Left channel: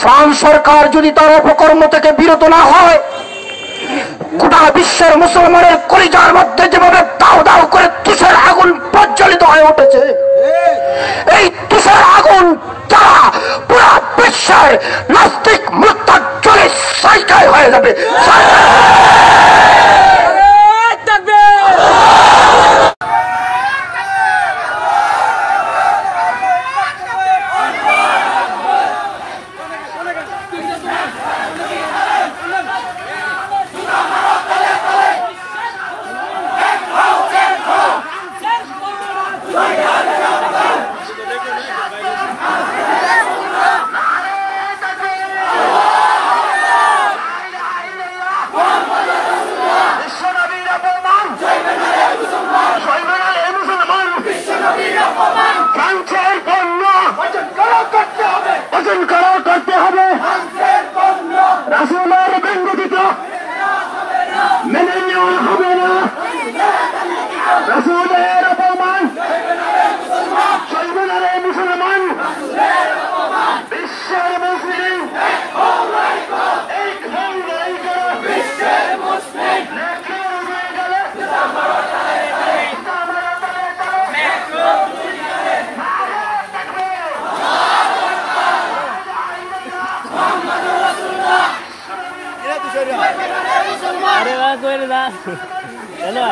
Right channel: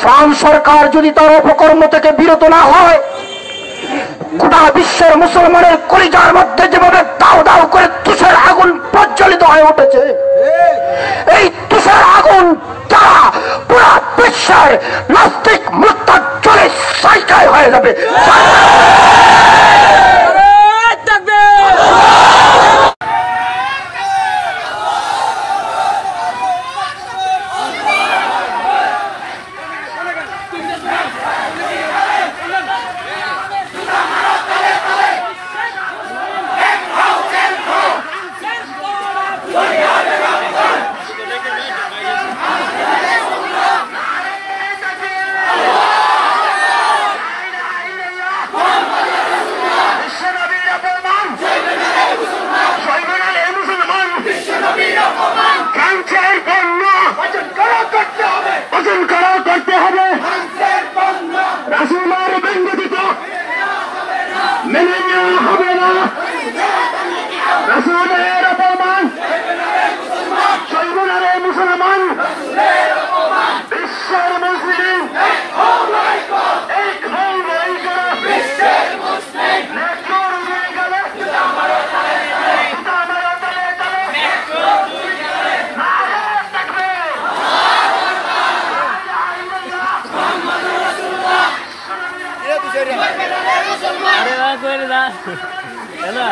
France সরকার যদি তার অপকর্ম থেকে বিরত না হয়, গোটা বিশ্বের মুসলমানের কলিজার মধ্যে যেভাবে দাও দাও করে তুষার আগুন প্রজ্বলিত হয়ে উঠেছে, এই তুষার আগুন যা পুরা বিশ্বের নাস্তিক মুরতাদ চলে সাইকাই হয়ে যাবে। করতে হবে রাসূলের ব্যঙ্গদিত মেনে নেওয়া হবে না। রাসূলের অপমান সর্বনারে মুসলমান বিশ্বের মুসলিম এক হয়ে গেল, বিশ্বের মুসলিম হয়ে গেল। अरे वाह कोई ना चलो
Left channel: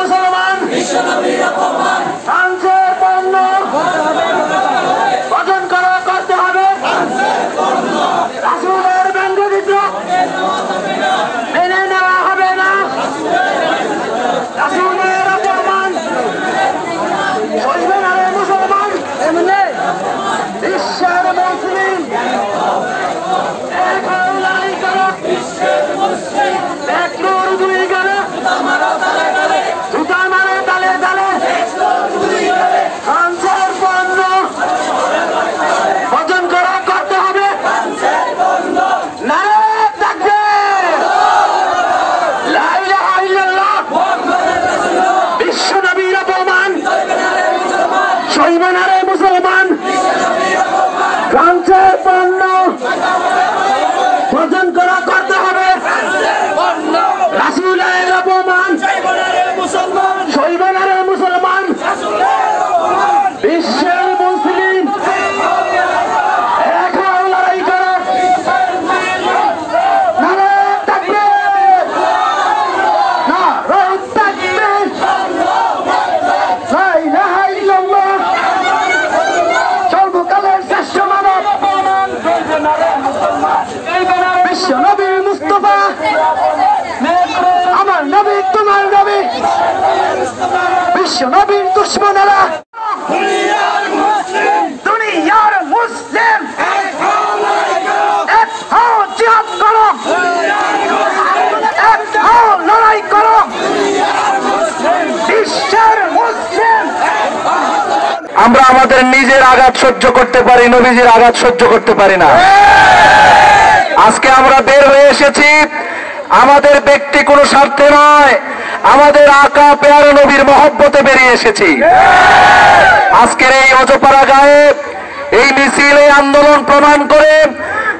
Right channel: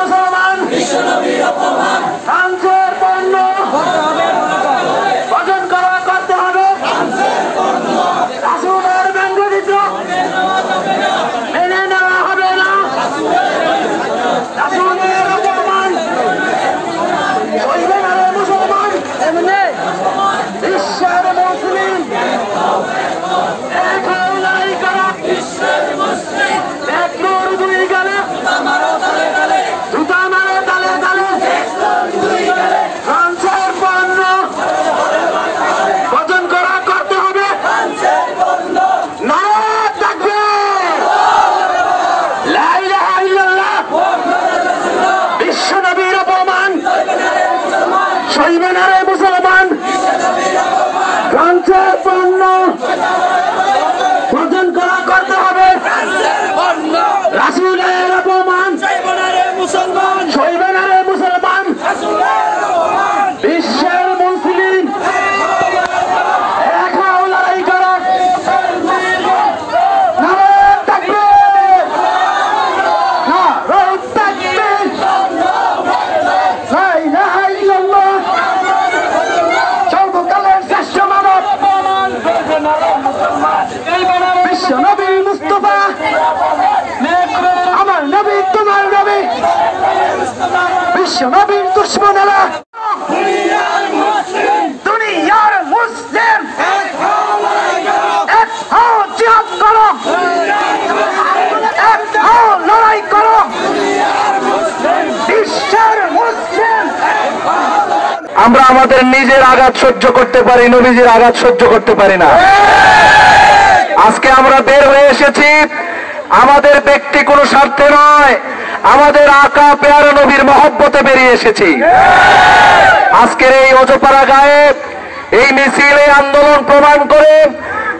মুসলমান বিশ্বনবীর অপমান ফ্রান্সের পণ্য বর্জন করা করতে হবে। রাসূলের ব্যঙ্গদিত মেনে নেওয়া হবে না। রাসূলের অপমান সইবে না রে মুসলমান। এমনি বিশ্বের মুসলিম একলোর দুই গেলে জুতা মারো তালে তালে। ফ্রান্সের পণ্য বর্জন করা করতে হবে। নারে তাকবীর, লা ইলাহা ইল্লাল্লাহ। বিশ্বনবীর অপমান সইবে না রে মুসলমান। ফ্রান্সের পণ্য বর্জন করা করতে হবে। রাসূলের অপমান সইবে না রে মুসলমান। বিশ্বের মুসলিম এক হও, লড়াই করো। নারে তাকবীর, নারে তাকবীর, লা ইলাহা ইল্লাল্লাহ। সর্বকালের শ্রেষ্ঠ মানব বিশ্বনবী মুস্তাফা, আমার নবী তোমার নবী। বিশ্বনবীর দুশমনেরা দুনিয়ার মুসলিম এক হও, জিহাদ করো, এক হও, লড়াই করো। বিশ্বের মুসলিম আমরা আমাদের নিজের আঘাত সহ্য করতে পারি, নবীজির আঘাত সহ্য করতে পারি না। আজকে আমরা বের হয়ে এসেছি আমাদের ব্যক্তি কোনো স্বার্থে নয়, আমাদের আকা পেয়ারা নবীর মহব্বতে বেরিয়ে এসেছি। আজকের এই অজপাড়া গায়ে এই মিছিল, এই আন্দোলন প্রমাণ করে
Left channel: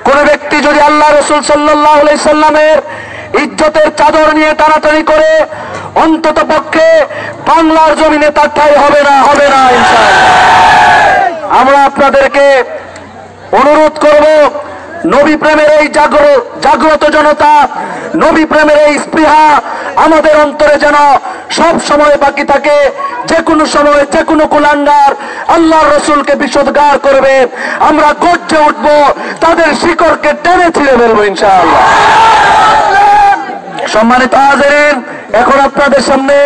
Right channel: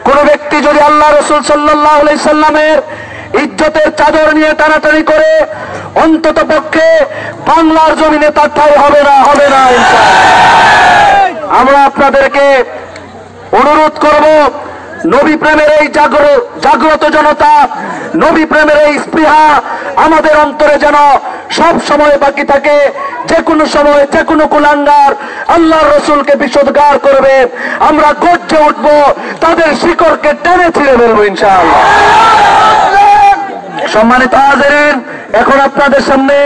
কোন ব্যক্তি যদি আল্লাহ রাসূল সাল্লাল্লাহু আলাইহি সাল্লামের ইজ্জতের চাদর নিয়ে টানাটানি করে, অন্তত পক্ষে বাংলার জমিনে তার ঠাঁই হবে না, হবে না ইনশাআল্লাহ। আমরা আপনাদেরকে অনুরোধ করব, নবী প্রেমের এই জাগ্রত জনতা, নবী প্রেমের এই স্পৃহা আমাদের অন্তরে যেন সব সময় বাকি থাকে। যে কোনো সময় যে কোনো কুলাঙ্গার আল্লাহর রাসূলকে বিশোদ্গার করবে, আমরা গর্জে উঠব, তাদের শিকড়কে টেনে ছিঁড়ে ফেলবো ইনশাআল্লাহ। সম্মানিত হাজিরিন, এখন আপনাদের সামনে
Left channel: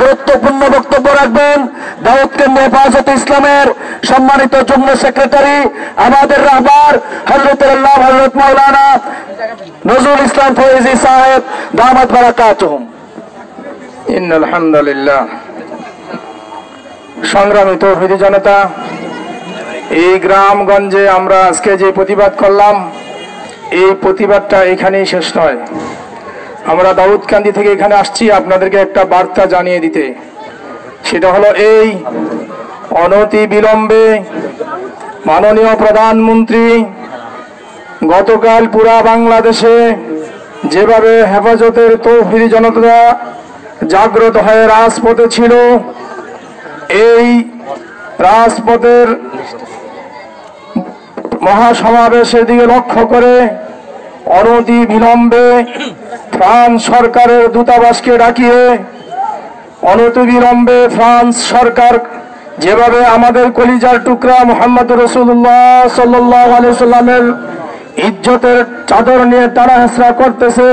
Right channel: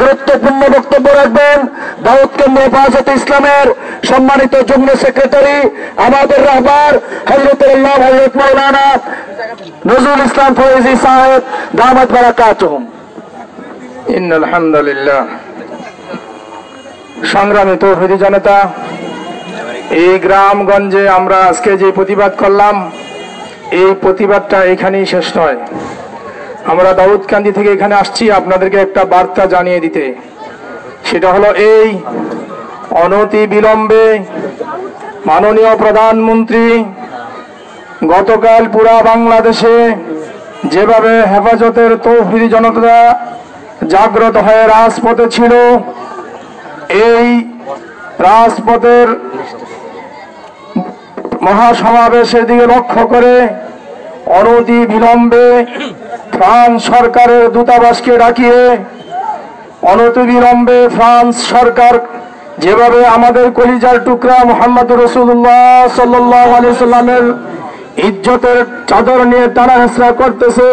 গুরুত্বপূর্ণ বক্তব্য রাখবেন দাউদ কেন্দ্র হেফাজত ইসলামের সম্মানিত যুগ্ম সেক্রেটারি, আমাদের রাহবার হযরত মাওলানা নজরুল ইসলাম ফয়েজী সাহেব দামাত বারাকাতুহুম। ইন্নাল হামদুলিল্লাহ। সংগ্রামী তৌহিদি জনতা, এই গ্রামগঞ্জে আমরা আজকে যে প্রতিবাদ করলাম, এই প্রতিবাদটা এখানেই শেষ নয়। আমরা দাউদকান্দি থেকে এখানে আসছি আপনাদেরকে একটা বার্তা জানিয়ে দিতে। সেটা হলো এই, অনতি বিলম্বে মাননীয় প্রধানমন্ত্রী গতকাল পুরা বাংলাদেশে যেভাবে হেফাজতের তৌহিদি জনতা জাগ্রত হয়ে রাজপথে ছিল, এই রাজপথের মহাসমাবেশের দিকে লক্ষ্য করে অনতি বিলম্বে ফ্রান্স সরকারের দূতাবাসকে ডাকিয়ে অনতি বিলম্বে ফ্রান্স সরকার যেভাবে আমাদের কলিজার টুকরা মুহাম্মদ রাসূলুল্লাহ সাল্লাল্লাহু আলাইহি সাল্লামের ইজ্জতের চাদর নিয়ে তারা হেসরা করতেছে,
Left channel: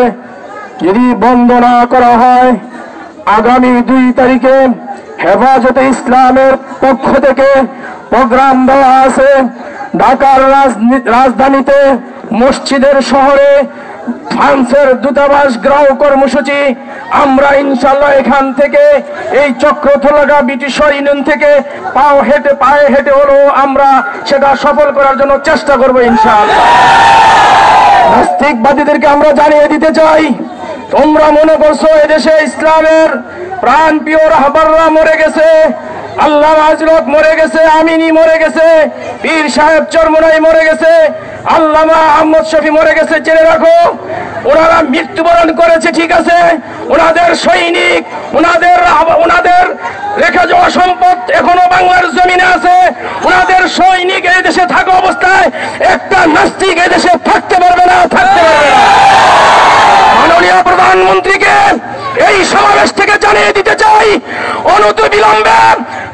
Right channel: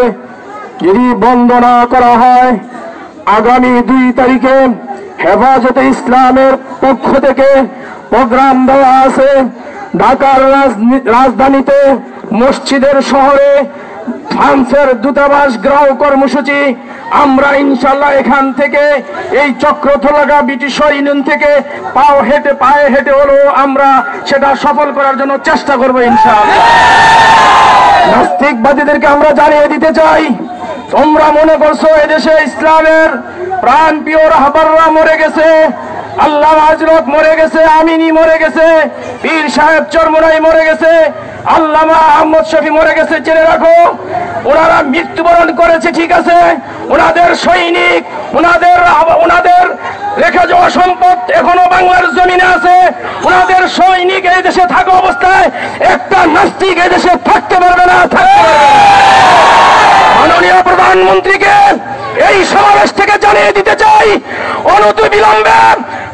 যদি বন্ধ না করা হয়, আগামী 2 তারিখে হেফাজতে ইসলামের পক্ষ থেকে প্রোগ্রাম দেওয়া আছে ঢাকার রাজধানীতে মসজিদের শহরে ফ্রান্সের দূতাবাস গ্রাহ কর্মসূচি। আমরা ইনশাল্লাহ এখান থেকে এই চক্রথলাগা ব্রিটিশ ইউনিয়ন থেকে পায়ে হেঁটে হলো আমরা সেটা সফল করার জন্য চেষ্টা করবো ইনশাআল্লাহ। নাস্তিকবাদীদেরকে আমরা জানিয়ে দিতে চাই, তোমরা মনে করছো এদেশে ইসলামের প্রাণ প্রিয় রাহবাররা মরে গেছে, আল্লাহ হযরত মরে গেছে, আমিনী মরে গেছে, পীর সাহেব চরমোনাই মরে গেছে, আল্লামা আহমদ শফি মরে গেছে। জেনে রাখো, ওনারা মৃত্যুবরণ করেছে ঠিক আছে, ওনাদের সৈনিক, ওনাদের রেখে যাওয়া সম্পদ এখনো বাংলার জমিনে আছে। ওনাদের সৈনিক এই দেশে থাকা অবস্থায় একটা নাস্তিক এই দেশে থাকতে পারবে না। মাননীয় প্রধানমন্ত্রীকে এই সমাবেশ থেকে জানিয়ে দিতে চাই, অনতি বিলম্বে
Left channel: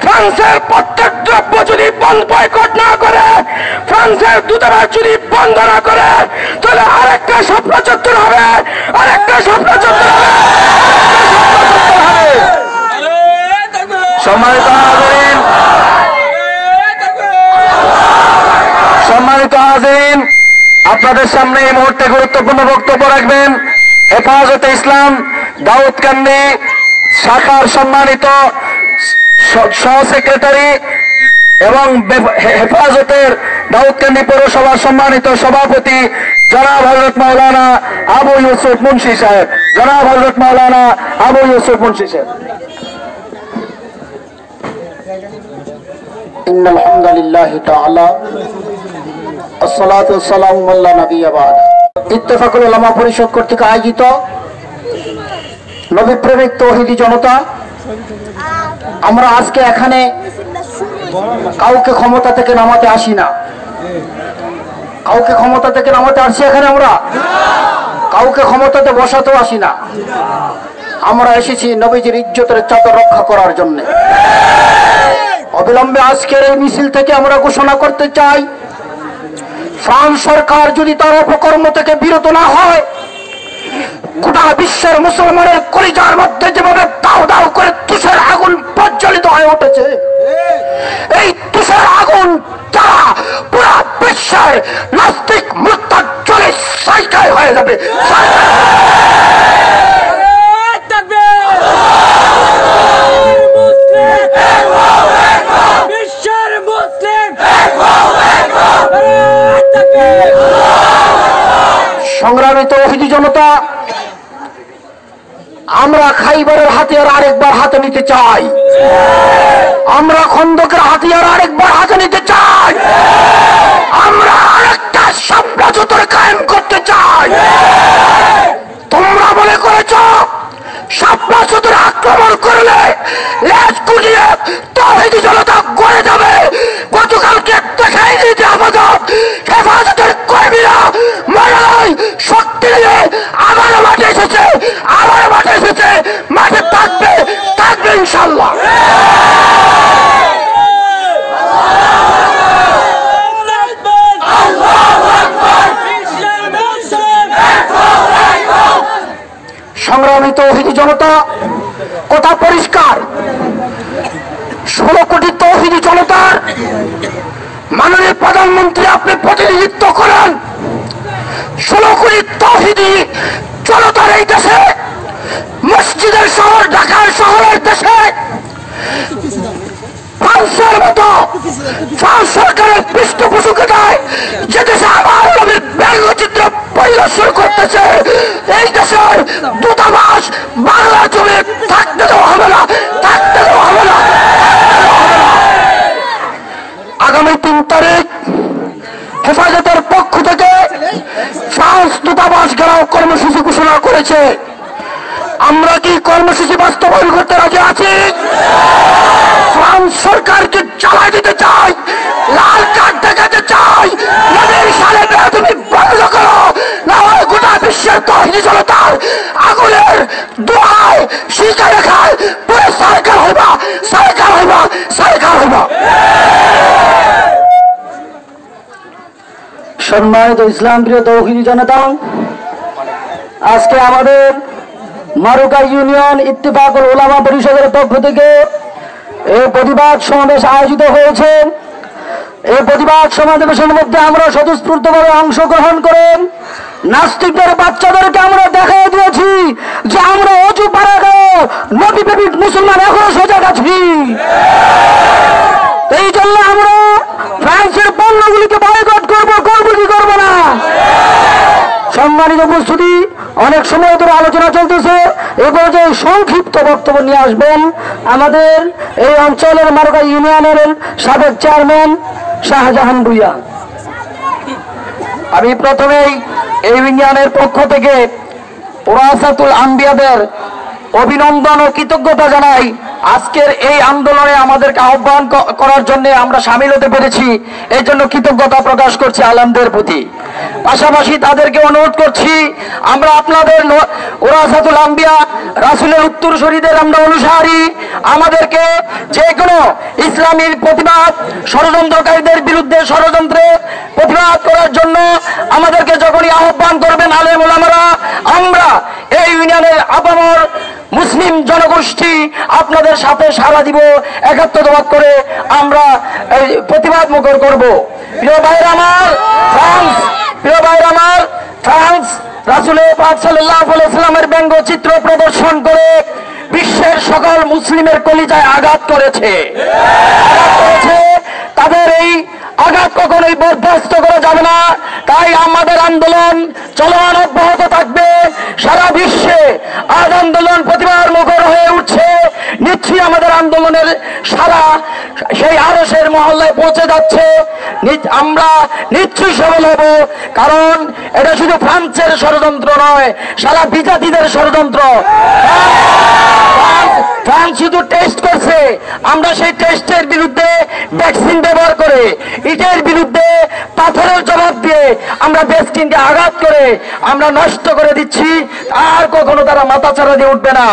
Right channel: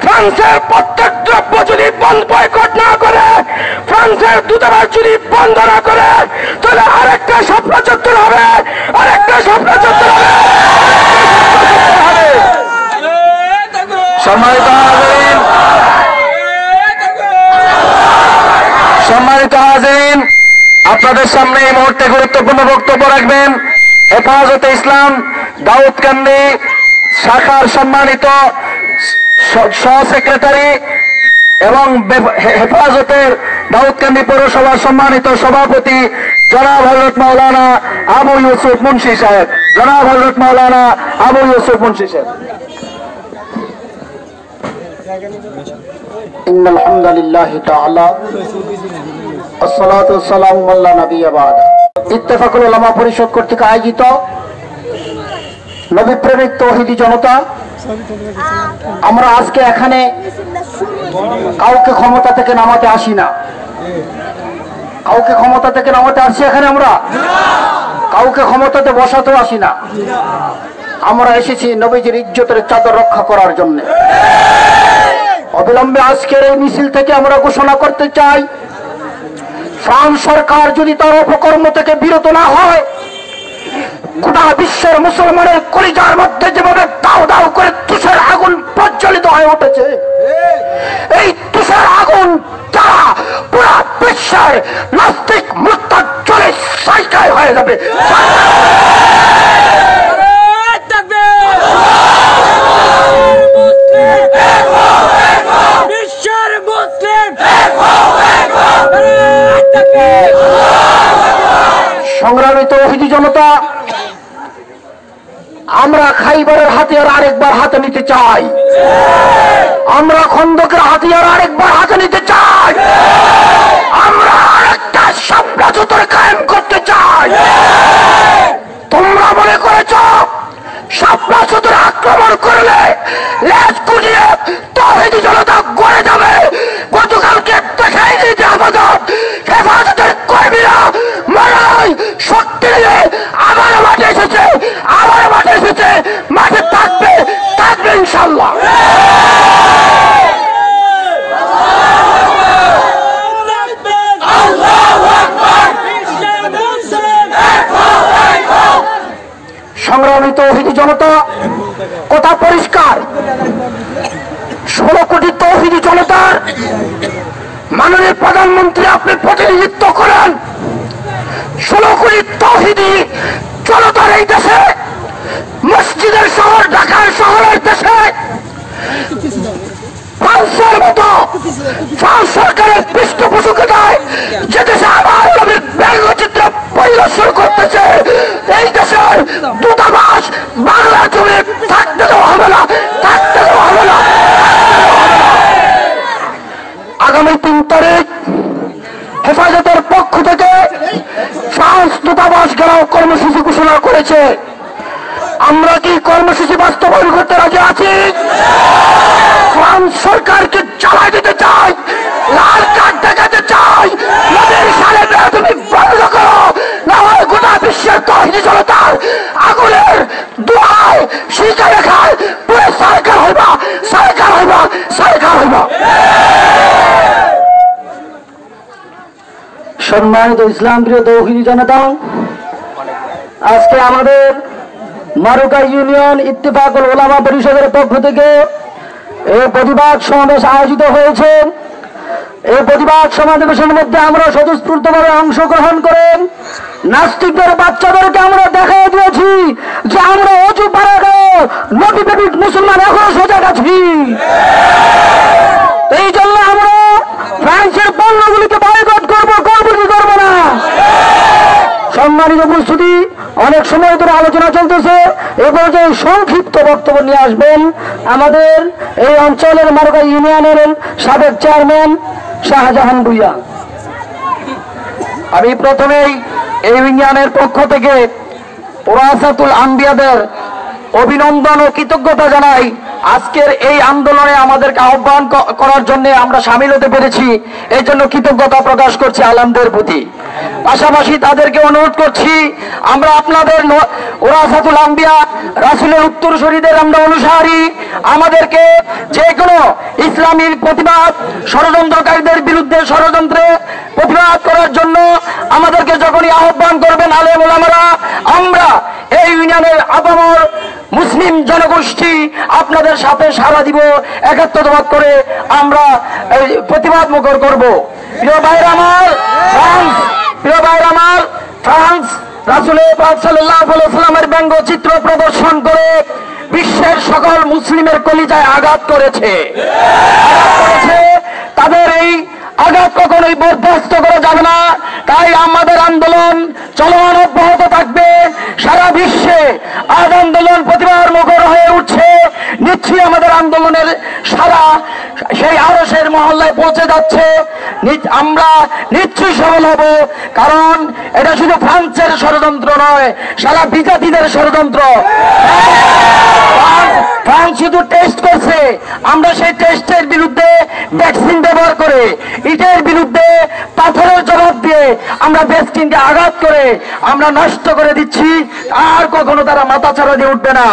ফ্রান্সের প্রত্যেক দ্রব্য যদি বয়কট না করে, ফ্রান্সের দূতাবাস যদি বন্ধ না করে, তাহলে আরেকটা স্বপ্ন চত্বর হবে, আরেকটা স্বপ্ন চত্বর হবে। সম্মানিত হাজিরিন, আপনাদের সামনে এই মুহূর্তে গুরুত্বপূর্ণ বক্তব্য রাখবেন হেফাজতে ইসলাম দাউদকান্দি শাখার সম্মানিত সহ সেক্রেটারি এবং হেফাজতের দাউদকান্দি পৌরসভার সম্মানিত সভাপতি জনাব হযরত মাওলানা আবু ইউসুফ মুন্সি সাহেব। জনাব হযরত মাওলানা আবু ইউসুফ মুন্সি সাহেব। ইন্নাল হামদুলিল্লাহি তাআলা আসসালাতু ওয়াসসালামু আলা নাবিয়্যি বা'দ। ইত্তেফাকুল উলামা পরিষদ কর্তৃক আয়োজিত নবী প্রেমিক তৌহিদি জনতা, আমরা আজকে এখানে কাউকে ক্ষমতা থেকে নামাতে আসি না, কাউকে ক্ষমতা থেকে নামাতে আসছি এখানে আমরা, কাউকে ক্ষমতাতে বসাতে আসি না। আমরা এসেছি নবীজির ইজ্জতের চাদর রক্ষা করার জন্য। অবিলম্বে আজকের এই মিছিল থেকে আমরা ঘোষণা করতে চাই, ফ্রান্স সরকার যদি তার অপকর্ম থেকে বিরত না হয়, গোটা বিশ্বের মুসলমানের কলিজার মধ্যে যেভাবে দাও দাও করে তুষার আগুন প্রজ্বলিত হয়ে উঠেছে, এই তুষার আগুন তা পুরা বিশ্বের নাস্তিক মুরতাদ চলে সাইকায় হয়ে যাবে। সংগ্রামী তৌহিদি জনতা, আমরা খাইবারের হাতিয়ার আরেকবার হাতে নিতে চাই, আমরা খন্দকের হাতিয়ার আরেকবার হাতে নিতে চাই, আমরা আরেকটা স্বপ্ন চত্বর কায়েম করতে চাই। তোমরা মনে করেছ স্বপ্ন চত্বরে আক্রমণ করলে লেজ কুলিয়ে তৌহিদি জনতা গড়ে যাবে। গতকালকে দেখাই দিতে হেফাজতের কর্মীরা মারাই শক্তি নিয়ে আবার মাঠে এসেছে, আবার মাঠে এসেছে, মাঠে থাকবে ইনশাল্লাহ। সংগ্রামী তৌহিদি জনতা, কথা পরিষ্কার, 16 কোটি তৌহিদি জনতার মাননীয় প্রধানমন্ত্রী আপনি প্রতিনিধিত্ব করেন। 16 কোটি তৌহিদি জনতার এই দেশে, মসজিদের শহর ঢাকার শহরের দেশে ফ্রান্সের মতো ফ্রান্স সরকারের পৃষ্ঠপোষকতায় যে দেশে আমার নবীর ব্যঙ্গচিত্র পরিদর্শন করতেছে, এই দেশের দূতাবাস বাংলা জমি থাকতে দেওয়া হবে না, থাকতে দেওয়া হবে না। আগামী 3 তারিখ হেফাজতের পক্ষ থেকে ফ্রান্স দূতাবাস ঘেরাও কর্মসূচি ঘোষণা করেছে। আমরা কি কর্মসূচি বাস্তবায়ন করতে রাজি আছি? ফ্রান্স সরকারকে চালাই দিতে চাই, লাল কার্ড দেখাতে চাই। নবীর সালে তুমি বন্ধ করো, না হয় গোটা বিশ্বের তহিনী জনতার আগুনের দোয়ায় শিকা রেখায় পুরো সরকার হইবা, সরকার হইবা, সরকার হইবা। সম্মানিত ইসলাম প্রিয় তৌহিদি জনতা, আজকে আমাদের মারুকা ইউনিয়ন ইত্তেফাকুল উলামা পরিষদের পক্ষ থেকে এই প্রতিবাদ সমাবেশ আয়োজিত হয়েছে। এই প্রতিবাদ সমাবেশের মধ্যে আমরা স্বতঃস্ফূর্তভাবে অংশগ্রহণ করে নাস্তিকদের বাচ্চাদেরকে আমরা দেখাই দিয়েছি যে আমরা অজু পাড়াকে নবী প্রেমিক মুসলমান এখনো সজাগ আছি। এই জন্য আমরা ফ্রান্সের পণ্যগুলিকে বয়কট করবো, করবো কি করবো না। সম্মানিত উপস্থিতি, অনেক সময় ধরে আলোচনা চলতেছে। এবার যে সংক্ষিপ্ত বক্তব্য নিয়ে আসবেন আমাদের এই অঞ্চলের মারুকা ইউনিয়নের সাবেক চেয়ারম্যান শাহজাহান ভুইয়া। আমি প্রথমেই এই ইউনিয়নের পক্ষ থেকে ওরাসাতুল আম্বিয়াদের অভিনন্দন ও কৃতজ্ঞতা জানাই। আজকের এই আন্দোলনে আমাদেরকে আহ্বান করার জন্য আমরা সামিল হতে পেরেছি, এই জন্য কৃতজ্ঞতা প্রকাশ করছি আলমদের প্রতি। পাশাপাশি তাদেরকে অনুরোধ করছি, আমরা আপনাদের ওরাসাতুল আম্বিয়া রাসূলের উত্তরসূরিদের আমরা অনুসারী। আমাদেরকে যে কোনো ইসলামী প্রতিবাদ ষড়যন্ত্রকারীদের বিরুদ্ধে ষড়যন্ত্রে প্রতিবাদ করার জন্য আমাদেরকে যখনই আহ্বান করবেন আলেম ওলামারা, আমরা এই ইউনিয়নের আপামর মুসলিম জনগোষ্ঠী আপনাদের সাথে সাড়া দিব, একত্রবাদ করে আমরা প্রতিবাদ মুখর করব। প্রিয় ভাইরা আমার, ফ্রান্স রাসূলের পাক সাল্লাল্লাহু আলাইহি ওয়াসাল্লামের ব্যঙ্গচিত্র প্রদর্শন করে বিশ্বের সকল মুসলিমের কলিজায় আঘাত করেছে। তাদের এই আঘাত কখনোই বরদাস্ত করা যাবে না। তাই আমাদের আন্দোলন চলমান অব্যাহত থাকবে। সারা বিশ্বে আজ আন্দোলন প্রতিবাদ মুখর হয়ে উঠছে। নিশ্চয়ই আমাদের আন্দোলনের সারা সেই আরশের মহল্লায় পৌঁছে যাচ্ছে। আমরা নিশ্চয়ই সফল হব, কারণ এটা শুধু ফ্রান্সের ষড়যন্ত্র নয়, সারা বিজাতিদের ষড়যন্ত্র। ফ্রান্স শুধু টেস্ট করছে, আমরা সেই টেস্টের বিরুদ্ধে ভ্যাকসিন ব্যবহার করে, ইটের বিরুদ্ধে পাথরের জবাব দিয়ে আমরা ভ্যাকসিনকে আঘাত করে আমরা নষ্ট করে দিচ্ছি। আর কখনো তারা মাথা ছাড়া দিয়ে উঠবে না।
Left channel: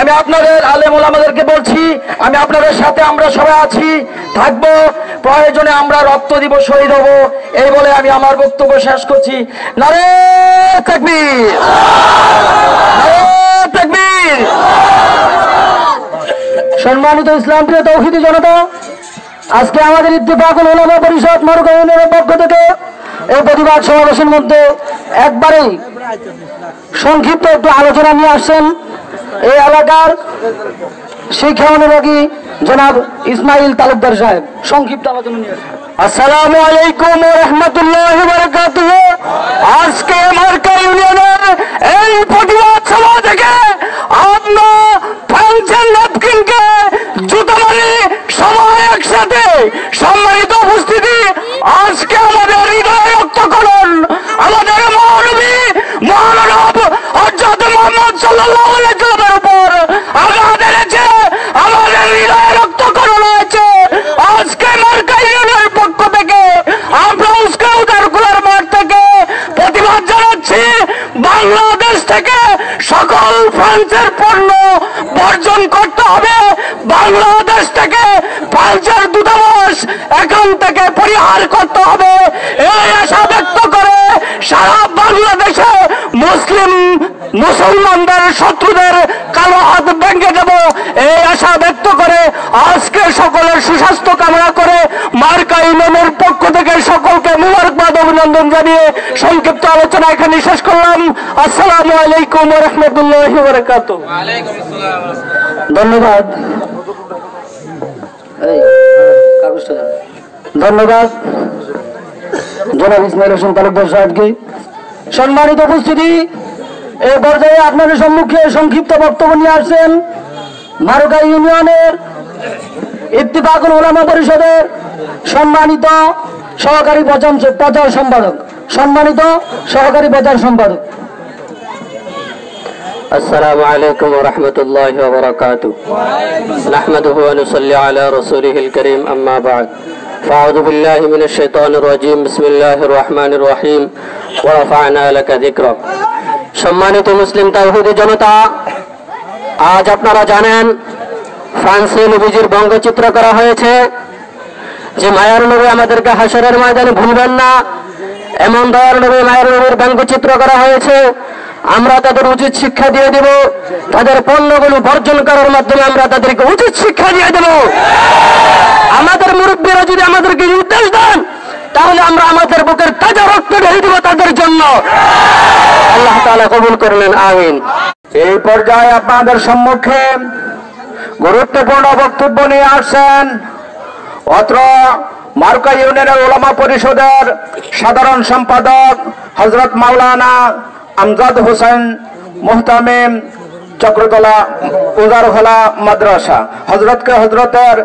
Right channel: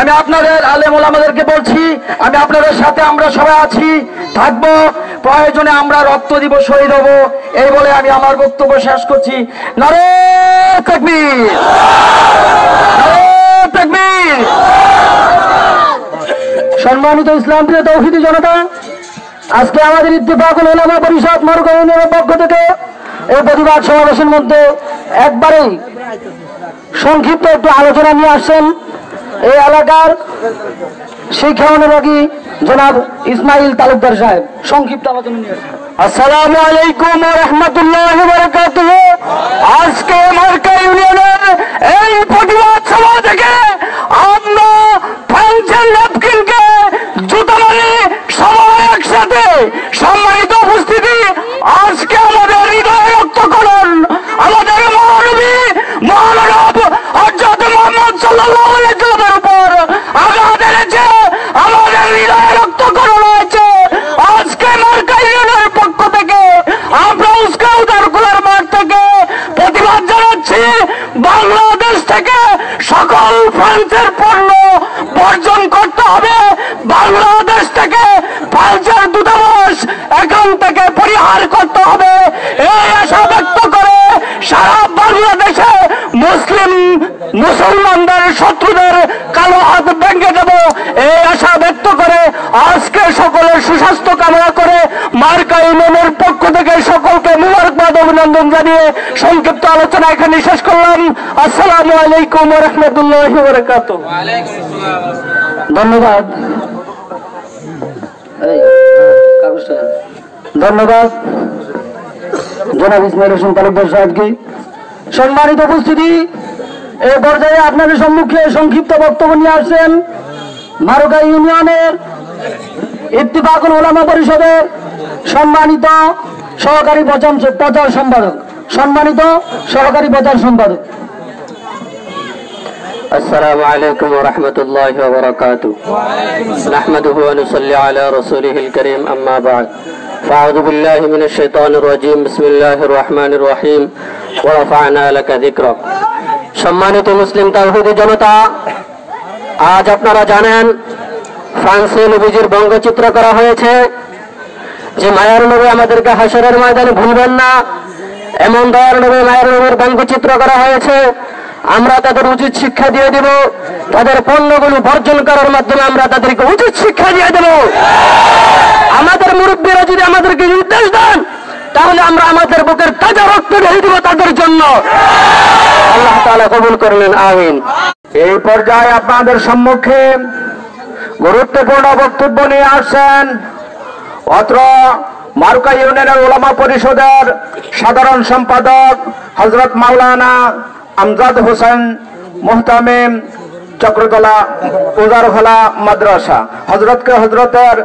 আমি আপনাদের আলেম ওলামাদেরকে বলছি, আমি আপনাদের সাথে আমরা সবাই আছি, থাকবো, প্রয়োজনে আমরা রক্ত দিব, শহীদ হব। এই বলে আমি আমার বক্তব্য শেষ করছি। নারে তাকবীর, নারে তাকবীর। সম্মানিত ইসলাম প্রিয় তৌহিদি জনতা, আজকে আমাদের ইত্তেফাকুল উলামা পরিষদ মারুকা ইউনিয়নের পক্ষ থেকে এই প্রতিবাদ সমাবেশের মধ্যে একবারেই সংক্ষিপ্ত একটু আলোচনা নিয়ে আসছেন এই এলাকার শিক্ষা অনুরাগী জনাব ইসমাইল তালুকদার সাহেব। সংক্ষিপ্ত আলোচনা নিয়ে আসছেন। আসসালামু আলাইকুম ওয়া রাহমাতুল্লাহি ওয়া বারাকাতুহু। আজকে মারুকা ইউনিয়নের এই প্রতিবাদ সভা থেকে আমরা ফ্রান্সের ন্যাপকিনকে জুতা মারি সবাই একসাথে। সম্মানিত উপস্থিতি, আজকে আমাদের হৃদয় রক্তকরণ আমাদের মহানবী মহানব হযরত মুহাম্মদ সাল্লাল্লাহু আলাইহি ওয়াসাল্লামের উপর আঘাত এনেছে, আমাদের হৃদয় রক্তকরণ হয়েছে। আজকে মারুকা ইউনিয়নের পক্ষ থেকে আমরা উস্কাউদারকুলার মাঠ থেকে প্রতিবাদ জানাচ্ছি। বাংলাদেশ থেকে সকল ফ্রান্সের পণ্য বর্জন করতে হবে। বাংলাদেশ থেকে ফ্রান্সের দূতাবাস এখান থেকে পরিহার করতে হবে। এই আশা ব্যক্ত করে সারা বাংলাদেশে মুসলমানদের শত্রুদের কালো হাত ভেঙে দেব, এই আশা ব্যক্ত করে আজকে সকলের সুস্বাস্থ্য কামনা করে মারুকা ইউনিয়নের পক্ষ থেকে সকলকে মুবারকবাদ অভিনন্দন জানিয়ে সংক্ষিপ্ত আলোচনা এখানে শেষ করলাম। আসসালামু আলাইকুম ওয়া রাহমাতুল্লাহি ওয়া বারাকাতুহু। ধন্যবাদ, ধন্যবাদ জনাব ইসমাইল হোসেন তালুকদার সাহেবকে। সম্মানিত উপস্থিতি, এই পর্যায়ে আপনাদের সম্মুখে সংক্ষিপ্ত বক্তব্য নিয়ে আসছেন মারুকা ইউনিয়নের ইত্তেফাকুল উলামা পরিষদের সম্মানিত সহকারী প্রচার সম্পাদক, السلام عليكم ورحمة الله وبركاته. نحمده ونصلي على رسوله الكريم أما بعد. فأعوذ بالله من الشيطان الرجيم. بسم الله الرحمن الرحيم. ورفعنا لك ذكرك. সম্মানিত মুসলিম তাওহীদি জনতা, আজ আপনারা জানেন ফ্রান্সে নবীজির ব্যঙ্গচিত্র করা হয়েছে যে মায়ের নবী আমাদেরকে হাসরের ময়দানে ভুলবেন না, এমন দয়ার নবী মায়ের নবীর ব্যঙ্গচিত্র করা হয়েছে। আমরা তাদের উচিত শিক্ষা দিয়ে দেব, তাদের পণ্যগুলো বর্জন করার মাধ্যমে আমরা তাদেরকে উচিত শিক্ষা দিয়ে দেব। আমাদের মুরব্বীরা যদি আমাদেরকে নির্দেশ দেন তাহলে আমরা আমাদের বুকের তাজা রক্ত ঢেলে দেব তাদের জন্য। আল্লাহ তাআলা কবুল করলেন, আমিন। এই পর্যায়ে আপনাদের সম্মুখে গুরুত্বপূর্ণ বক্তব্য নিয়ে আসছেন অত্র মারুকা ইউনিয়নের উলামা পরিষদের সাধারণ সম্পাদক হযরত মাওলানা আমজাদ হোসেন মুহতামিম, চক্রতলা উজারফলা মাদ্রাসা। হযরতের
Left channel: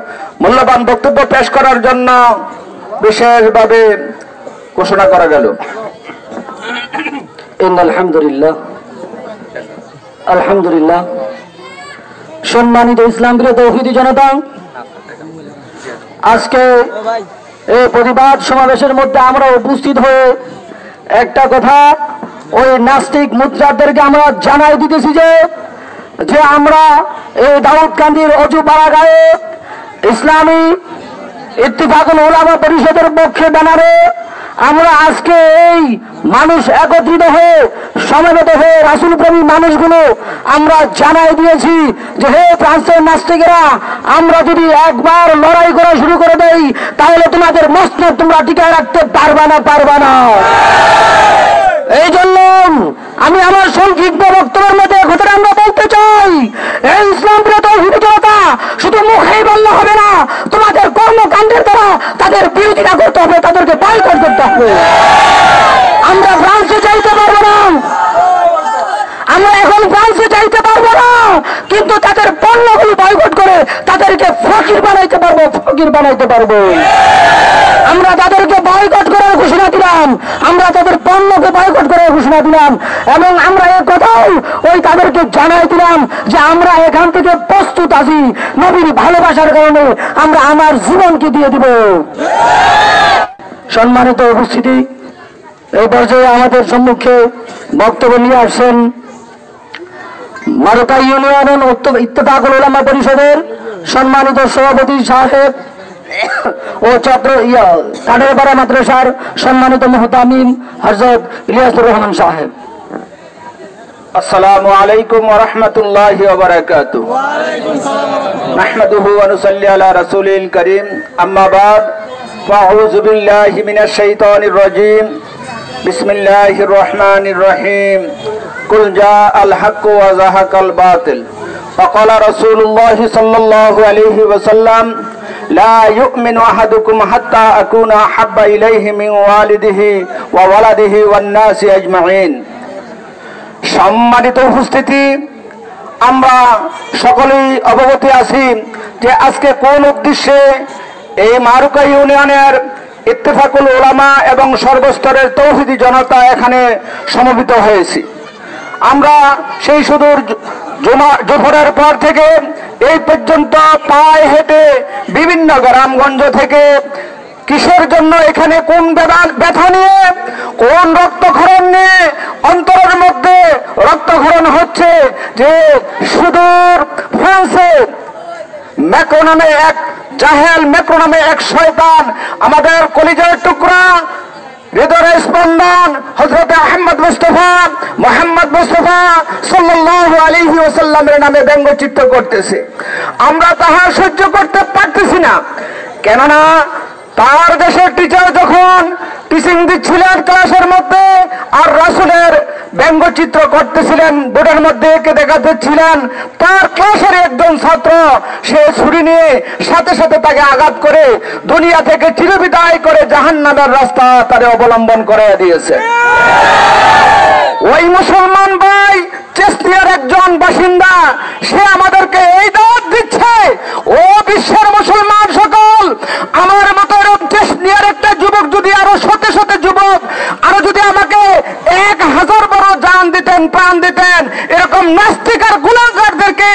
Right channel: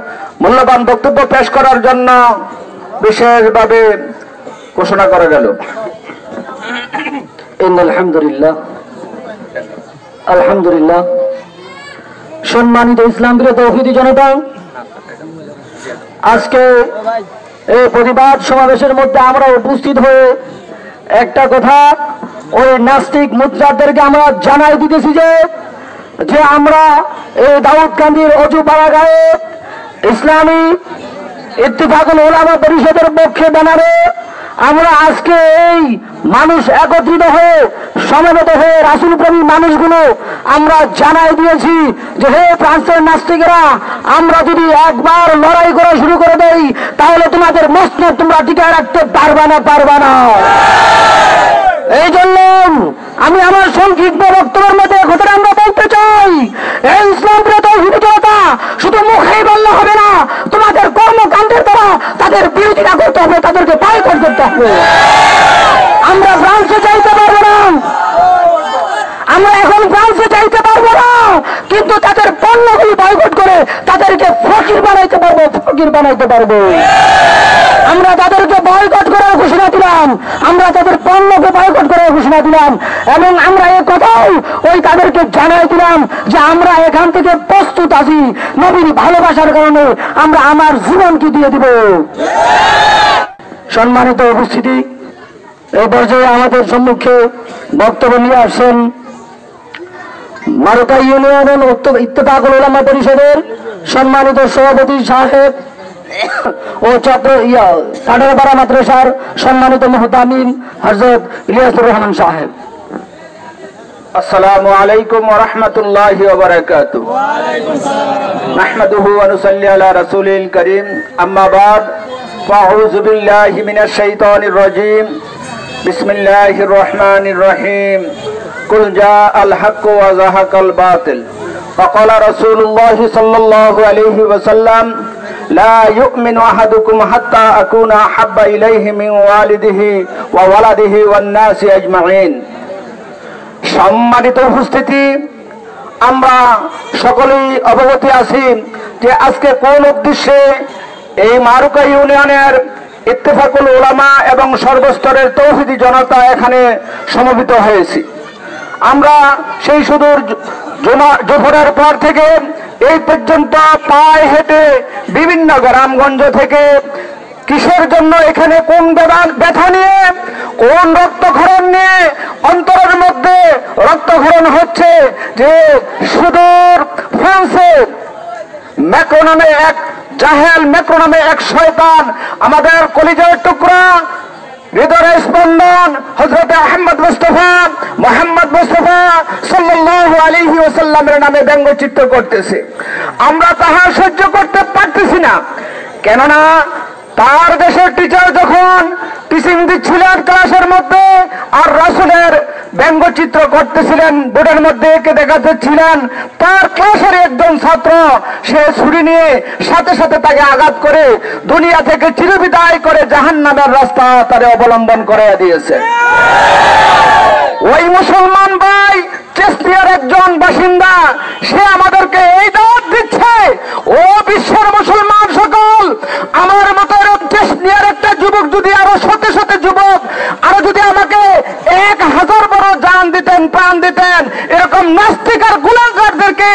মূল্যবান বক্তব্য পেশ করার জন্য বিশেষভাবে ঘোষণা করা গেল। আলহামদুলিল্লাহ। সম্মানিত ইসলাম প্রিয় তাওহীদি জনতা, আজকে এই প্রতিবাদ সমাবেশের মধ্যে আমরা উপস্থিত হয়ে একটা কথা ওই নাস্তিক মুদ্রাদেরকে আমরা জানাই দিতেছি যে আমরা এই দাউদকান্দির অজু পাড়াগাঁয়ে ইসলামী ইত্তেফাকুল উলামা পরিষদের পক্ষে ব্যানারে আমরা আজকে এই মানুষ একত্রিত হয়ে সমবেত হয়ে রাসূল প্রেমী মানুষগুলো আমরা জানাই দিয়েছি যে হে ফ্রান্সের নাস্তিকেরা, আমরা যদি একবার লড়াই করা শুরু করে দেই তাহলে তোমাদের মসনদ তোমরা টিকায় রাখতে পারবা না। এই জন্য আমি আমার সংক্ষিপ্ত বক্তব্যের মধ্যে কথা আমরা বলতে চাই, এই ইসলাম প্রিয় তাওহীদি জনতা, শুধু মুখেই বললে হবে না, তোমাদের কর্মকাণ্ডের দ্বারা তাদের বিরোধিতা করতে হবে, তাদেরকে বয়কট করতে হবে। আমরা ফ্রান্সে যাইতে পারবো না, আমরা এখন ফ্রান্সে যাইতে পারবো না, কিন্তু তাদের পণ্যগুলো বয়কট করে তাদেরকে ফকির বানাইতে পারবো। আমরা তাদেরকে বয়কট করার ঘোষণা দিলাম, আমরা তাদের পণ্যকে বয়কট করার ঘোষণা দিলাম, এবং আমরা এ কথাও ওই তাদেরকে জানাই দিলাম যে আমরা এখান থেকে প্রস্তুত আছি, নবীর ভালোবাসার কারণে আমরা আমার জীবনকে দিয়ে দিব। সম্মানিত উপস্থিতি, এই পর্যায়ে আমাদের সম্মুখে বক্তব্য নিয়ে আসেন মারুকা ইউনিয়ন ইত্তেফাকুল উলামা পরিষদের সম্মানিত সভাপতি সাহেব ও কাটারপাড়া মাদ্রাসার সম্মানিত মুহতামিম হযরত ইলিয়াসুর রহমান সাহেব। আসসালামু আলাইকুম ওয়া রাহমাতুল্লাহি ওয়া বারাকাতুহু। নাহমাদুহু ওয়া নুসাল্লি আলা রাসূলিল কারীম, আম্মা বা'দ, ফাআউযু বিল্লাহি মিনাশ শাইতানির রাজীম। বিসমিল্লাহির রহমানির রহিম। কুল জাআল হাক্কু ওয়া যাহাকাল বাতিল। ফাকালা রাসূলুল্লাহি সাল্লাল্লাহু আলাইহি ওয়াসাল্লাম, লা ইউমিনু আহাদুকুম হাত্তা আকুনা আহাব্বা ইলাইহি মিন ওয়ালিদিহি ওয়া ওয়ালাদিহি ওয়ান নাসি আজমাইন। সম্মানিত উপস্থিতি, আমরা সকলেই অবগত আছি যে আজকে কোন উদ্দেশ্যে এই মারুকা ইউনিয়নের ইত্তেফাকুল উলামা এবং সর্বস্তরের তাওহীদি জনতা এখানে সমবেত হয়েছি। আমরা সেই সুদূর জোহরের পর থেকে এই পর্যন্ত পায়ে হেঁটে বিভিন্ন গ্রামগঞ্জ থেকে কিসের জন্য এখানে কোন ব্যথা নিয়ে, কোন রক্তক্ষরণ নিয়ে অন্তরের মধ্যে রক্তক্ষরণ হচ্ছে যে সুদূর ফ্রান্সে ম্যাক্রো নামে এক জাহেল, ম্যাক্রো নামে এক শয়তান আমাদের কলিজার টুকরা হৃদয়ের স্পন্দন হযরত মুহাম্মদ মুস্তাফা সাল্লাল্লাহু আলাইহি ওয়াসাল্লামের নামে ব্যঙ্গচিত্র করতেছে। আমরা তাহা সহ্য করতে পারতেছি না, কেননা তার দেশের টিচার যখন টিচিং দিচ্ছিলেন ক্লাসের মধ্যে আর রাসূলের ব্যঙ্গচিত্র করতেছিলেন, বোর্ডের মধ্যে এঁকে দেখাচ্ছিলেন, তার ক্লাসের একজন ছাত্র সে ছুরি নিয়ে সাথে সাথে তাকে আঘাত করে দুনিয়া থেকে চিরবিদায় করে জাহান্নামের রাস্তা তারে অবলম্বন করে দিয়েছে। ওই মুসলমান ভাই চেচনিয়ার একজন বাসিন্দা, সে আমাদেরকে এই দাওয়াত দিচ্ছে, ও বিশ্বের মুসলমান যদি আরো শতে শতে যুবক আরো যদি আমাকে 1000 বড় জান দিতেন, প্রাণ দিতেন, এরকম নাস্তিক আর গুনাহগারদেরকে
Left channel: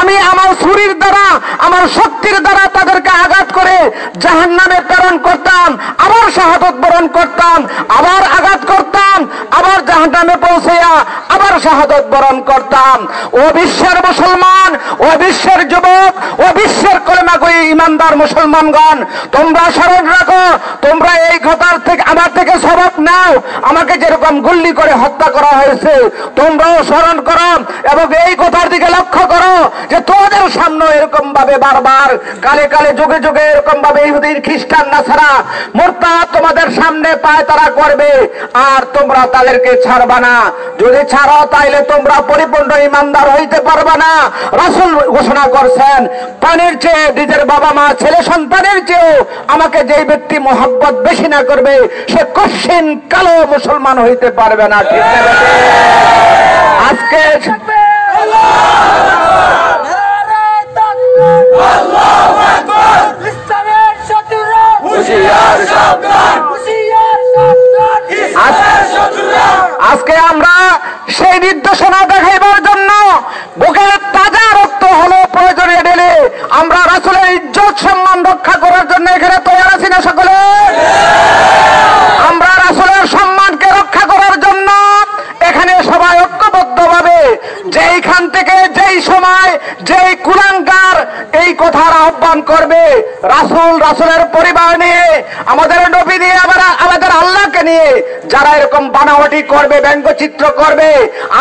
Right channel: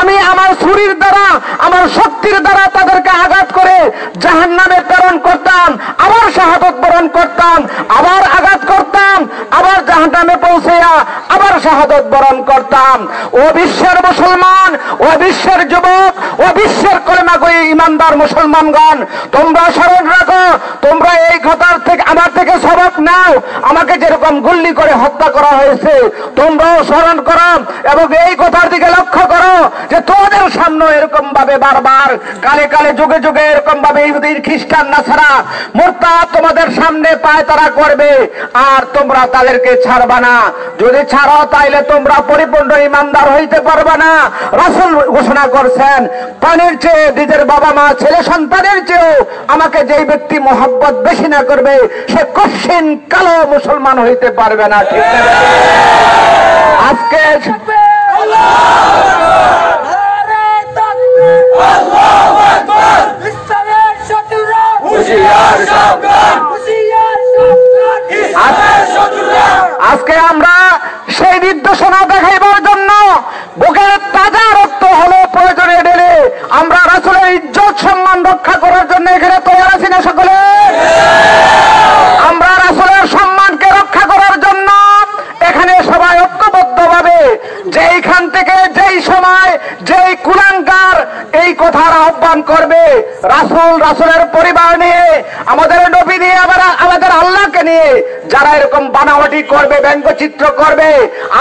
আমি আমার ছুরির দ্বারা, আমার শক্তির দ্বারা তাদেরকে আঘাত করে জাহান্নামে প্রেরণ করতাম, আবার শাহাদাত বরণ করতাম, আবার আঘাত করতাম, আবার জাহান্নামে পৌঁছাইয়া আবার শাহাদাত বরণ করতাম। ও বিশ্বের মুসলমান, ও বিশ্বের যুবক, ও বিশ্বের কলেমাগোয়ী ইমানদার মুসলমানগণ, তোমরা স্মরণ রাখো, তোমরা এই ঘটনার থেকে আমার থেকে সবক নাও। আমাকে যেরকম গুল্লি করে হত্যা করা হয়েছে তোমরাও স্মরণ করো এবং এই কথার দিকে লক্ষ্য করো যে তোমাদের সামনে এরকম ভাবে বারবার কালে কালে যুগে যুগে এরকম ভাবে ইহুদি খ্রিস্টান নাসারা মুরতাদ তোমাদের সামনে পায়তারা করবে আর তোমরা তাদেরকে ছাড়বা না। যদি ছাড়ো তাইলে তোমরা পরিপূর্ণ ইমানদার হইতে পারবে না। রাসূল ঘোষণা করছেন, প্রাণের চেয়ে নিজের বাবা মা ছেলে সন্তানের চেয়েও আমাকে যেই ব্যক্তি মহব্বত বেশি না করবে সে কশিন কালো মুসলমান হইতে পারবে না। ঠিক না? আজকে আজকে আমরা সেই নির্দেশনা দেখাইবার জন্য বুকের তাজা রক্ত হলো প্রয়োজনে ঢেলে আমরা রাসূলের ইজ্জত সম্মান রক্ষা করার জন্য এখানে তৈরি আছি না সকলে? আমরা রাসূলের সম্মানকে রক্ষা করার জন্য এখানে সবাই ঐক্যবদ্ধভাবে যেইখান থেকে যেই সময় যেই কুলাঙ্গার এই কথার আহ্বান করবে রাসূল, রাসূলের পরিবার নিয়ে, আমাদের নবী নিয়ে, আমাদের আল্লাহকে নিয়ে যারা এরকম বানাওয়াটি করবে, ব্যঙ্গচিত্র করবে,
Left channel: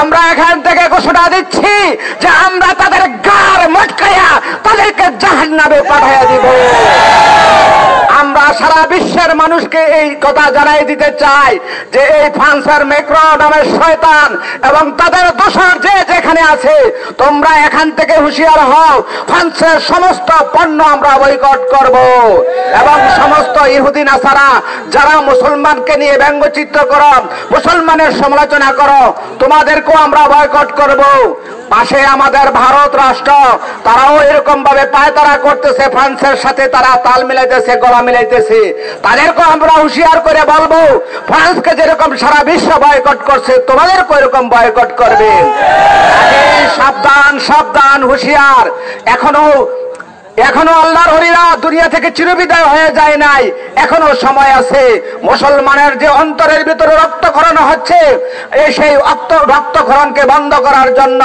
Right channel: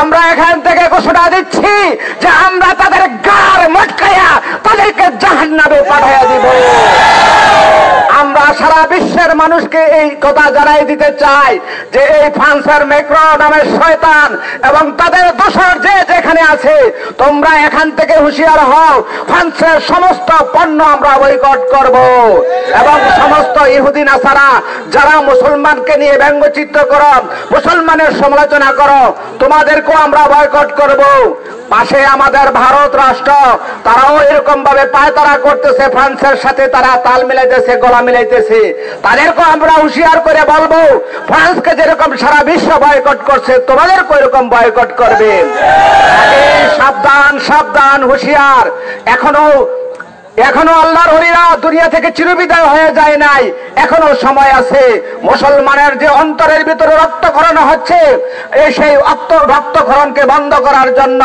আমরা এখান থেকে ঘোষণা দিচ্ছি যে আমরা তাদের গার মটকাইয়া তাদেরকে জাহান্নামে পাঠাইয়া দিব। আমরা সারা বিশ্বের মানুষকে এই কথা জানাই দিতে চাই যে এই ফ্রান্সের ম্যাক্রো নামের শয়তান এবং তাদের দোসর যে যেখানে আছে তোমরা এখান থেকে হুঁশিয়ার হও। ফ্রান্সের সমস্ত পণ্য আমরা বয়কট করব এবং সমস্ত ইহুদি নাসারা যারা মুসলমানকে নিয়ে ব্যঙ্গচিত্র করো, মুসলমানের সমালোচনা করো, তোমাদেরকেও আমরা বয়কট করব। পাশে আমাদের ভারত রাষ্ট্র, তারাও এরকম ভাবে পায়তারা করতেছে, ফ্রান্সের সাথে তারা তাল মিলাইতেছে, গলা মিলাইতেছে। তাদেরকেও আমরা হুঁশিয়ার করে বলবো ফ্রান্সকে যেরকম সারা বিশ্ব বয়কট করছে তোমাদেরকেও এরকম বয়কট করবে। সাবধান, সাবধান, হুঁশিয়ার। এখনো আল্লাহর ওলিরা দুনিয়া থেকে চিরবিদায় হয়ে যায় নাই, এখনো সময় আছে। মুসলমানের যে অন্তরের ভিতরে রক্তক্ষরণ হচ্ছে এই সেই রক্তক্ষরণকে বন্ধ করার জন্য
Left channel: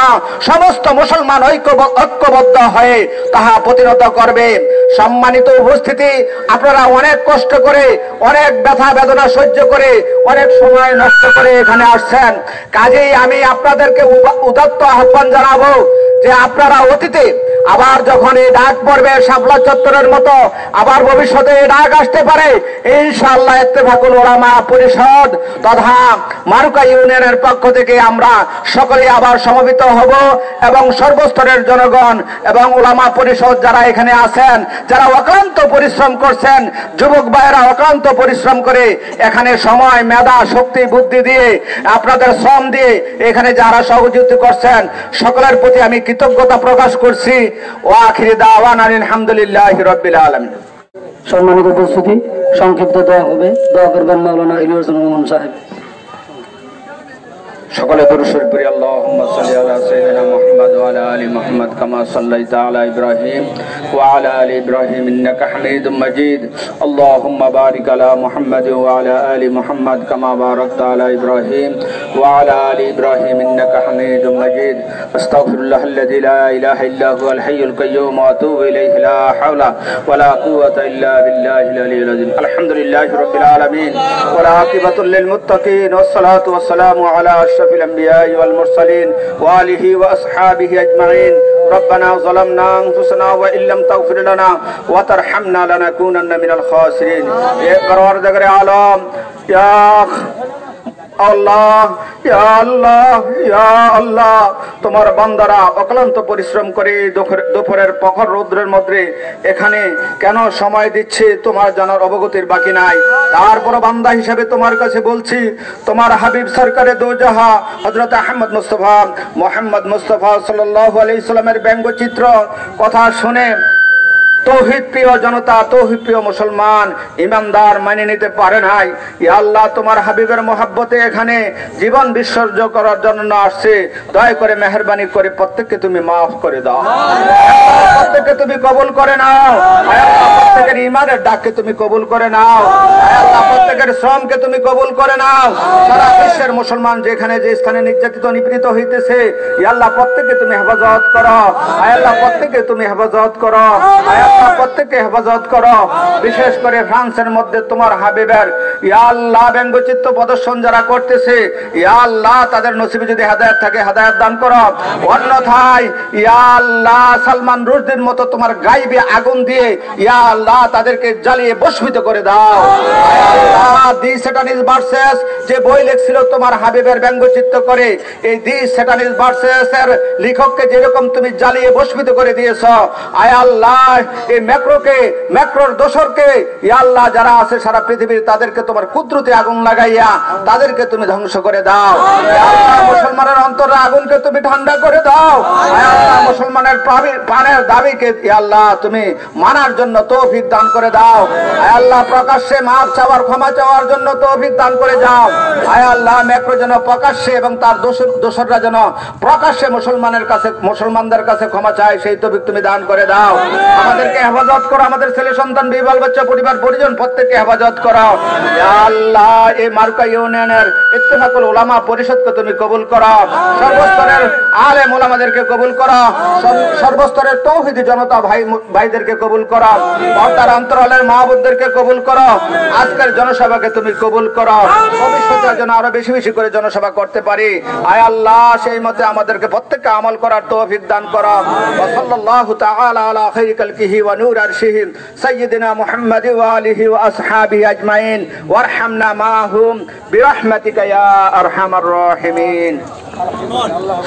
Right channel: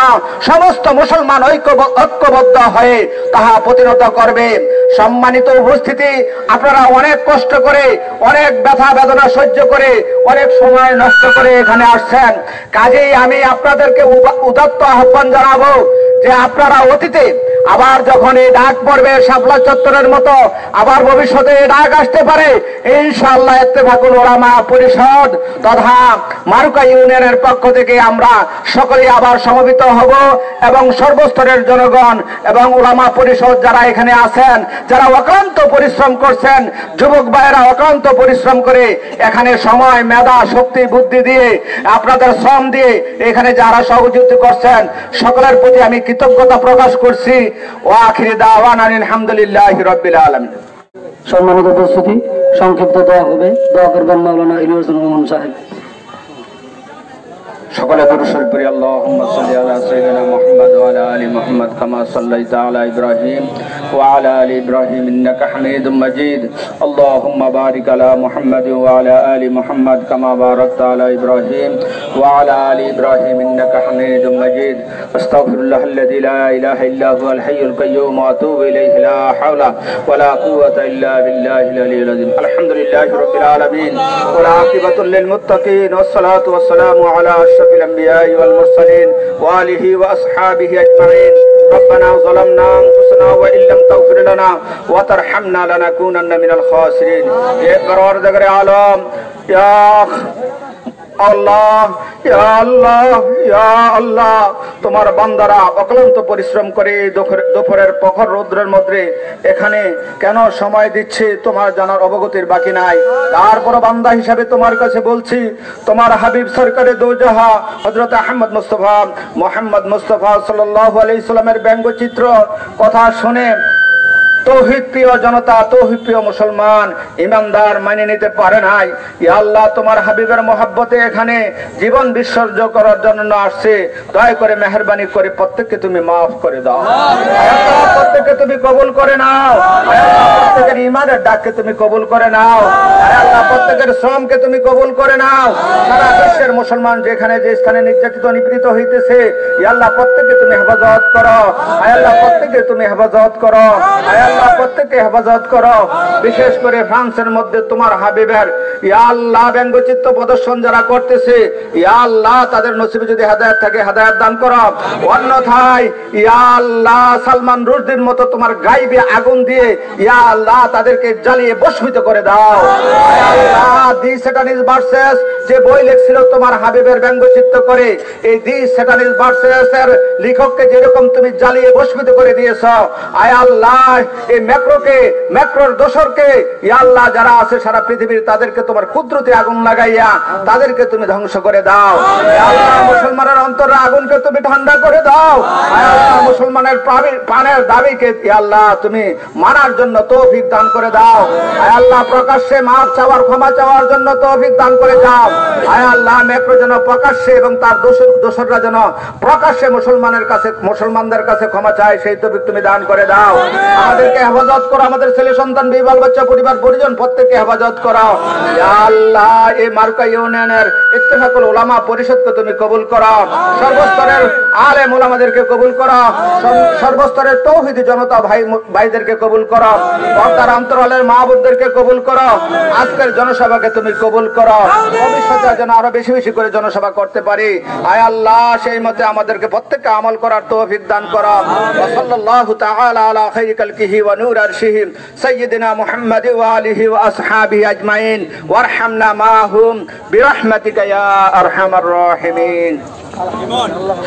সমস্ত মুসলমান ঐক্যবদ্ধ হয়ে তাহা প্রতিহত করবে। সম্মানিত উপস্থিতি, আপনারা অনেক কষ্ট করে, অনেক ব্যথা বেদনা সহ্য করে, অনেক সময় নষ্ট করে এখানে আসছেন। কাজেই আমি আপনাদেরকে উদাত্ত আহ্বান জানাবো যে আপনারা অতীতে আবার যখন এই ডাক পড়বে শাপলা চত্বরের মতো আবার ভবিষ্যতে এই ডাক আসতে পারে, ইনশাআল্লাহ ইত্তেফাকুল উলামা পরিষদ তথা মারুকা ইউনিয়নের পক্ষ থেকে আমরা সকলে আবার সমবেত হব এবং সর্বস্তরের জনগণ এবং উলামা পরিষদ যারা এখানে আছেন, যারা অক্লান্ত পরিশ্রম করছেন, যুবক ভাইয়েরা অক্লান্ত পরিশ্রম করে এখানে সময়, মেধা, শক্তি, বুদ্ধি দিয়ে, আপনাদের শ্রম দিয়ে এখানে যারা সহযোগিতা করছেন সকলের প্রতি আমি কৃতজ্ঞতা প্রকাশ করছি। ও আখিরি দাওয়ানা আলহামদুলিল্লাহি রাব্বিল আলামিন। সম্মানিত উপস্থিতি, সংক্ষিপ্ত দোয়া হবে, দোয়া করবেন মাওলানা ইলিয়াস রহমান সাহেব। সকলে দরুদ শরীফ পড়ি। আল্লাহুম্মা সাল্লি আলা সাইয়্যিদিনা মুহাম্মদ ওয়া আলা আলি মুহাম্মদ কামা সাল্লাইতা আলা ইব্রাহিম ওয়া আলা আলি ইব্রাহিম ইন্নাকা হামিদুম মাজিদ। আল্লাহুম্মা বারিক আলা মুহাম্মদ ওয়া আলা আলি মুহাম্মদ কামা বারাকতা আলা ইব্রাহিম ওয়া আলা আলি ইব্রাহিম ইন্নাকা হামিদুম মাজিদ। আস্তাগফিরুল্লাহাল্লাযী লা ইলাহা ইল্লা হুয়াল হাইয়ুল কাইয়্যুম ওয়া আতুবু ইলাইহি লা হাওলা ওয়া লা কুওয়াতা ইল্লা বিল্লাহিল আলিয়্যিল আযীম। আলহামদুলিল্লাহি রাব্বিল আলামিন ওয়া আকিবাতুল লিল মুত্তাকিন ওয়াস সালাতু ওয়াস সালামু আলা أشرف الأنبياء والمرسلين وآله وأصحابه أجمعين. ربنا ظلمنا أنفسنا وإن لم تغفر لنا وترحمنا لنكونن من الخاسرين. يا پروردگار عالم، يا আল্লাহ, ইয়া আল্লাহ, ইয়া আল্লাহ, তোমার বান্দারা অক্লান্ত পরিশ্রম করে দুপুরের প্রখর রৌদ্রের মধ্যে এখানে কেন সময় দিচ্ছে তোমার জানার অবগতির বাকি নাই। তারপর বান্দা হিসাবে তোমার কাছে বলছি, তোমার হাবিব সরকারে দোজাহা হযরত আহমদ মুস্তাফা মুহাম্মদ মুস্তাফা সাল্লাল্লাহু আলাইহি সাল্লামের ব্যঙ্গচিত্র কথা শুনে তৌহিদ প্রিয় জনতা, তৌহিদ প্রিয় মুসলমান ইমানদার মেনে নিতে পারে নাই। ইয়া আল্লাহ, তোমার হাবিবের মহব্বতে এখানে জীবন বিসর্জ করার জন্য আসছে, দয়া করে মেহেরবানি করে প্রত্যেককে তুমি মাফ করে দাও, প্রত্যেককে তুমি কবুল করে নাও। প্রত্যেকের ইমানের ডাককে তুমি কবুল করে নাও। আল্লাহ, প্রত্যেকের শ্রমকে তুমি কবুল করে নাও। সারা বিশ্বের মুসলমান যেখানে যে স্থানে নির্যাতিত নিপীড়িত হইতেছে, ইয়া আল্লাহ প্রত্যেককে তুমি হেফাজত করো। আল্লাহ প্রত্যেককে তুমি হেফাজত করো। আল্লাহ প্রত্যেককে হেফাজত করো। বিশেষ করে ফ্রান্সের মধ্যে তোমার হাবিবের ইয়া আল্লাহ ব্যঙ্গচিত্র প্রদর্শন যারা করতেছে, ইয়া আল্লাহ তাদের নসিবে যদি হেদায়েত থাকে হেদায়েত দান করো। অন্যথায় ইয়া আল্লাহ সালমান রুশদির মতো তোমার গাইবে আগুন দিয়ে ইয়া আল্লাহ তাদেরকে জ্বালিয়ে ভস্মিত করে দাও। দি স্যাটানিস্ট ভার্সেস যে বই লিখছিল তোমার হাবিবের ব্যঙ্গচিত্র করে, এই দি স্যাটানিস্ট ভার্সেস এর লেখককে যেরকম তুমি জ্বালিয়ে ভস্মিত করে দিয়েছ, আয় আল্লাহ এই ম্যাক্রোর দোসরকে ইয়া আল্লাহ যারা আছে সারা পৃথিবীর তাদেরকে তোমার কুদরতে আগুন লাগাইয়া তাদেরকে তুমি ধ্বংস করে দাও। ইয়া আল্লাহ মুসলমানের অন্তরে আগুনকে তুমি ঠান্ডা করে দাও। ইয়া আল্লাহ মুসলমানের প্রাণের দাবিকে ইয়া আল্লাহ তুমি মানার জন্য তৌফিক দান করে দাও। ইয়া আল্লাহ প্রকাশ্যে মাফ চাওয়ার ক্ষমা চাওয়ার জন্য তৌফিক দান করে দাও। ইয়া আল্লাহ ম্যাক্রো যেন প্রকাশ্যে এবং তার দোসররা যেন প্রকাশ্যে মুসলমানদের কাছে ক্ষমা চায়, সেই তৌফিক তুমি দান করে দাও। আমাদেরকে হেফাজত করো, আমাদের ছেলে সন্তান বিবাহ বাচ্চা পরিবার পরিজন প্রত্যেককে হেফাজত করো। ইয়া আল্লাহ এই মার্কা ইউনিয়নের ইত্তেফাকুল উলামা পরিষদকে তুমি কবুল করো, সর্বস্তরের আলেম উলামাদেরকে কবুল করো, সর্বস্তরের তৌহিদি জনতা ভাইদেরকে কবুল করো, পর্দার অন্তরালের মাহবুবদেরকে কবুল করো। আজকের জনসভাকে তুমি কবুল করো, ভবিষ্যতে যেন আরো বেশি বেশি করে জনসভা করতে পারি। আয় আল্লাহ সেই মতে আমাদেরকে প্রত্যেককে আমল করার তৌফিক দান করো। ওয়া সাল্লাল্লাহু তাআলা আলা খায়রি খালকিহি ওয়া নূর আরশিহি সাইয়্যিদিনা মুহাম্মাদ ওয়া আলিহি ওয়া আসহাবিহি আজমাইন ওয়ারহামনা মাহুম বিরহমাতিকা ইয়া আরহামার রাহিমিন।